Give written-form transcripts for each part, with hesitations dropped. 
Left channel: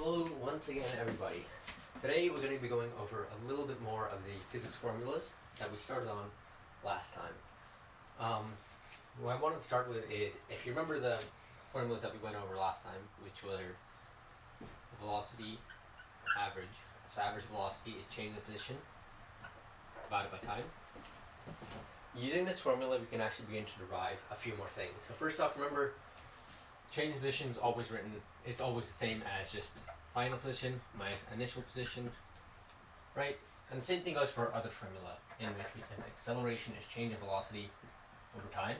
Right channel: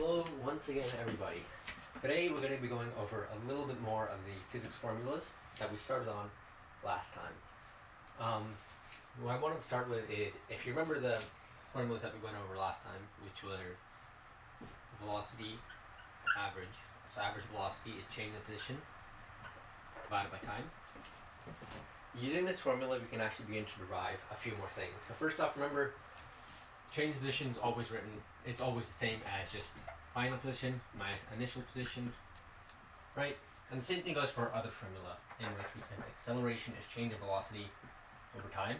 Hello once again everybody. Today we're going to be going over a little bit more of the physics formulas that we started on last time. What I wanted to start with is, if you remember the formulas that we went over last time, which were velocity, average. So average velocity is change in position divided by time. Using this formula we can actually begin to derive a few more things. So first off, remember, change in position is always written, it's always the same as just final position minus initial position, right? And the same thing goes for our other formula, in which we said acceleration is change in velocity over time.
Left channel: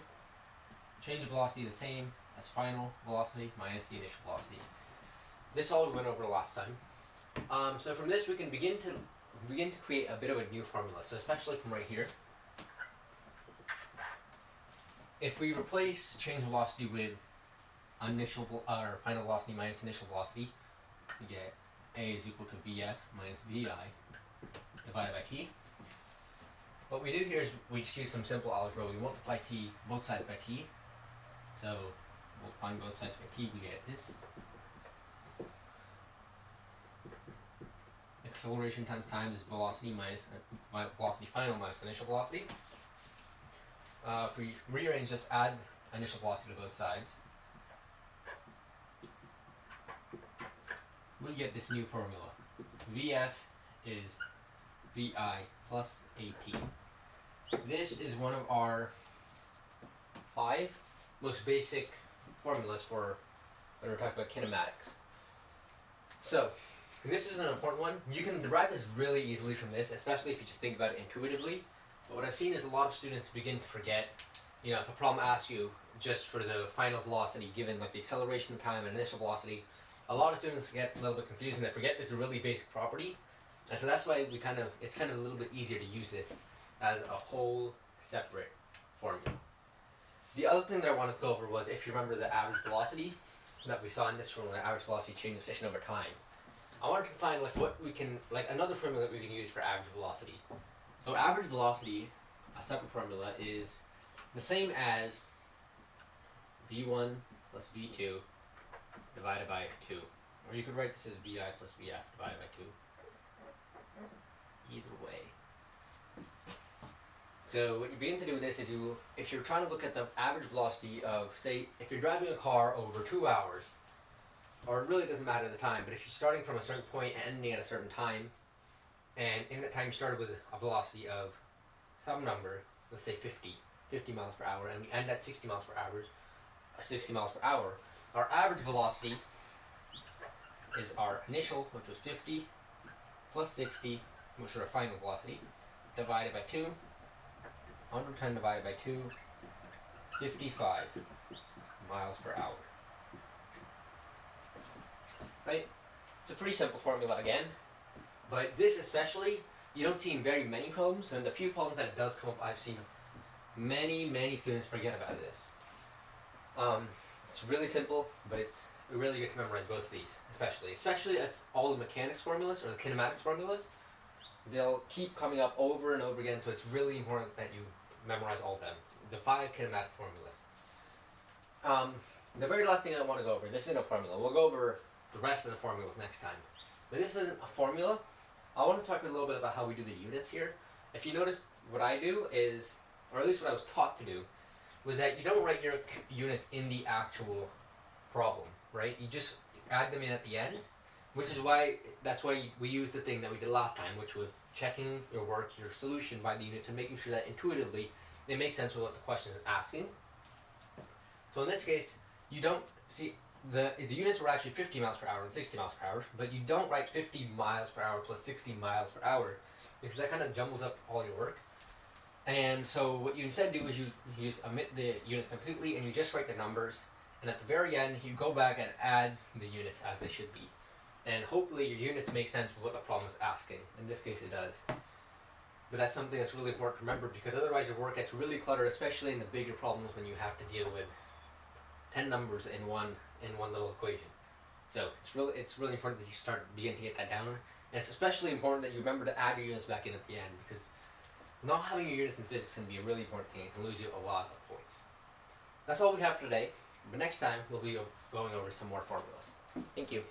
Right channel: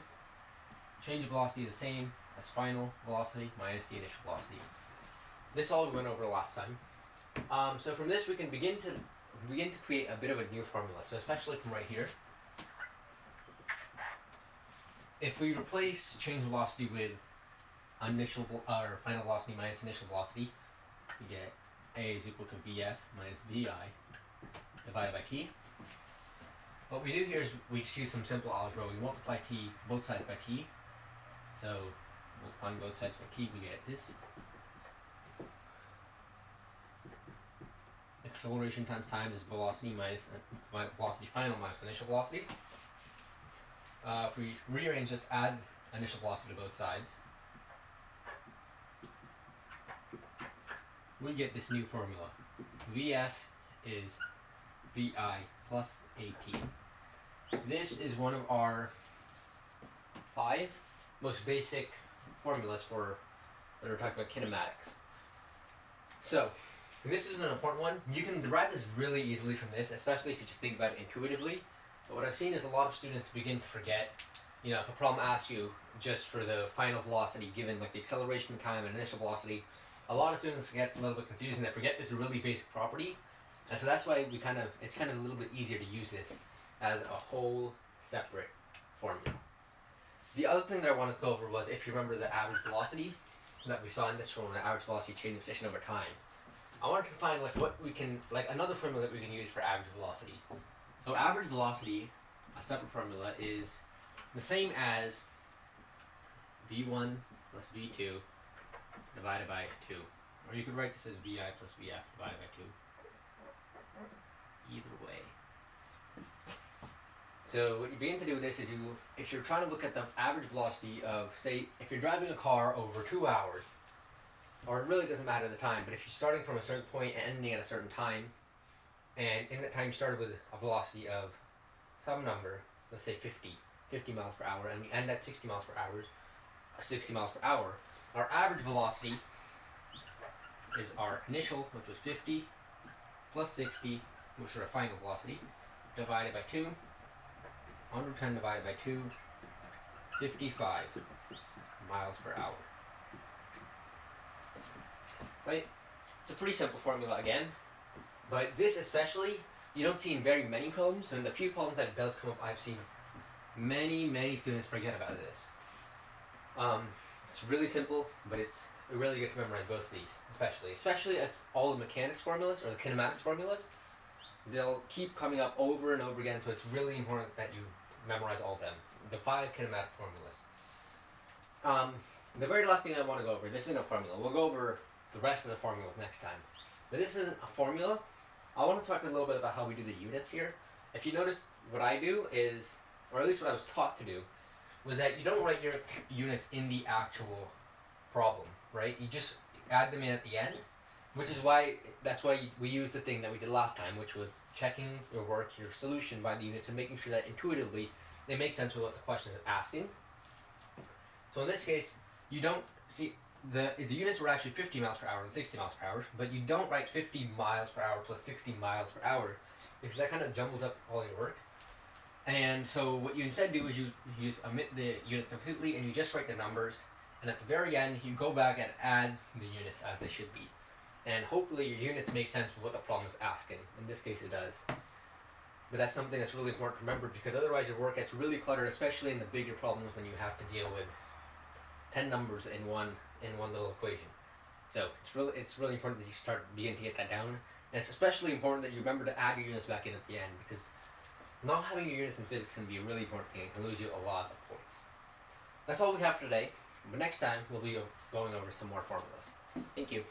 Change in velocity is the same as final velocity minus the initial velocity. This all we went over last time. So from this we can begin to create a bit of a new formula. So especially from right here, if we replace change in velocity with initial or final velocity minus initial velocity, we get A is equal to VF minus VI divided by T. What we do here is we just use some simple algebra. We multiply T both sides by T. So on both sides by T we get this. Acceleration times time is velocity minus velocity final minus initial velocity. If we rearrange, just add initial velocity to both sides, we get this new formula. VF is VI plus AT. This is one of our 5 most basic formulas for when we're talking about kinematics. So this is an important one. You can derive this really easily from this, especially if you just think about it intuitively. But what I've seen is a lot of students begin to forget, if a problem asks you just for the final velocity given like the acceleration time and initial velocity, a lot of students get a little bit confused and they forget this is a really basic property. And so that's why it's kind of a little bit easier to use this as a whole separate formula. The other thing that I wanted to go over was, if you remember the average velocity that we saw in this formula, average velocity change in position over time. I wanted to find another formula that we can use for average velocity. So average velocity, a separate formula, is the same as V1 plus V2 divided by 2. Or you could write this as VI plus VF divided by 2. Either way. So what you begin to do with this is, if you're trying to look at the average velocity of, say, if you're driving a car over 2 hours, or it really doesn't matter the time, but if you're starting from a certain point and ending at a certain time, and in that time you started with a velocity of some number, let's say 50 miles per hour, and we end at 60 miles per hour, our average velocity is our initial, which was 50, plus 60, which is our final velocity, divided by 2, 110 divided by 2, 55 miles per hour. Right? It's a pretty simple formula again, but this especially, you don't see in very many problems, and the few problems that it does come up, I've seen many students forget about this. It's really simple, but it's really good to memorize both of these, especially all the mechanics formulas or the kinematics formulas. They'll keep coming up over and over again, so it's really important that you memorize all of them, the 5 kinematic formulas. The very last thing I want to go over, this isn't a formula, we'll go over the rest of the formulas next time. But this isn't a formula. I want to talk a little bit about how we do the units here. If you notice, what I do is, or at least what I was taught to do, was that you don't write your units in the actual problem, right? You just add them in at the end, that's why we use the thing that we did last time, which was checking your work, your solution by the units, and making sure that intuitively they make sense with what the question is asking. So in this case, you don't see, the units were actually 50 miles per hour and 60 miles per hour, but you don't write 50 miles per hour plus 60 miles per hour, because that kind of jumbles up all your work. And so what you instead do is you just omit the units completely and you just write the numbers, and at the very end you go back and add the units as they should be. And hopefully your units make sense with what the problem is asking. In this case it does. But that's something that's really important to remember, because otherwise your work gets really cluttered, especially in the bigger problems when you have to deal with 10 numbers in one little equation. So it's really important that you begin to get that down. And it's especially important that you remember to add your units back in at the end, because not having your units in physics can be a really important thing. It can lose you a lot of points. That's all we have for today. But next time we'll be going over some more formulas. Thank you.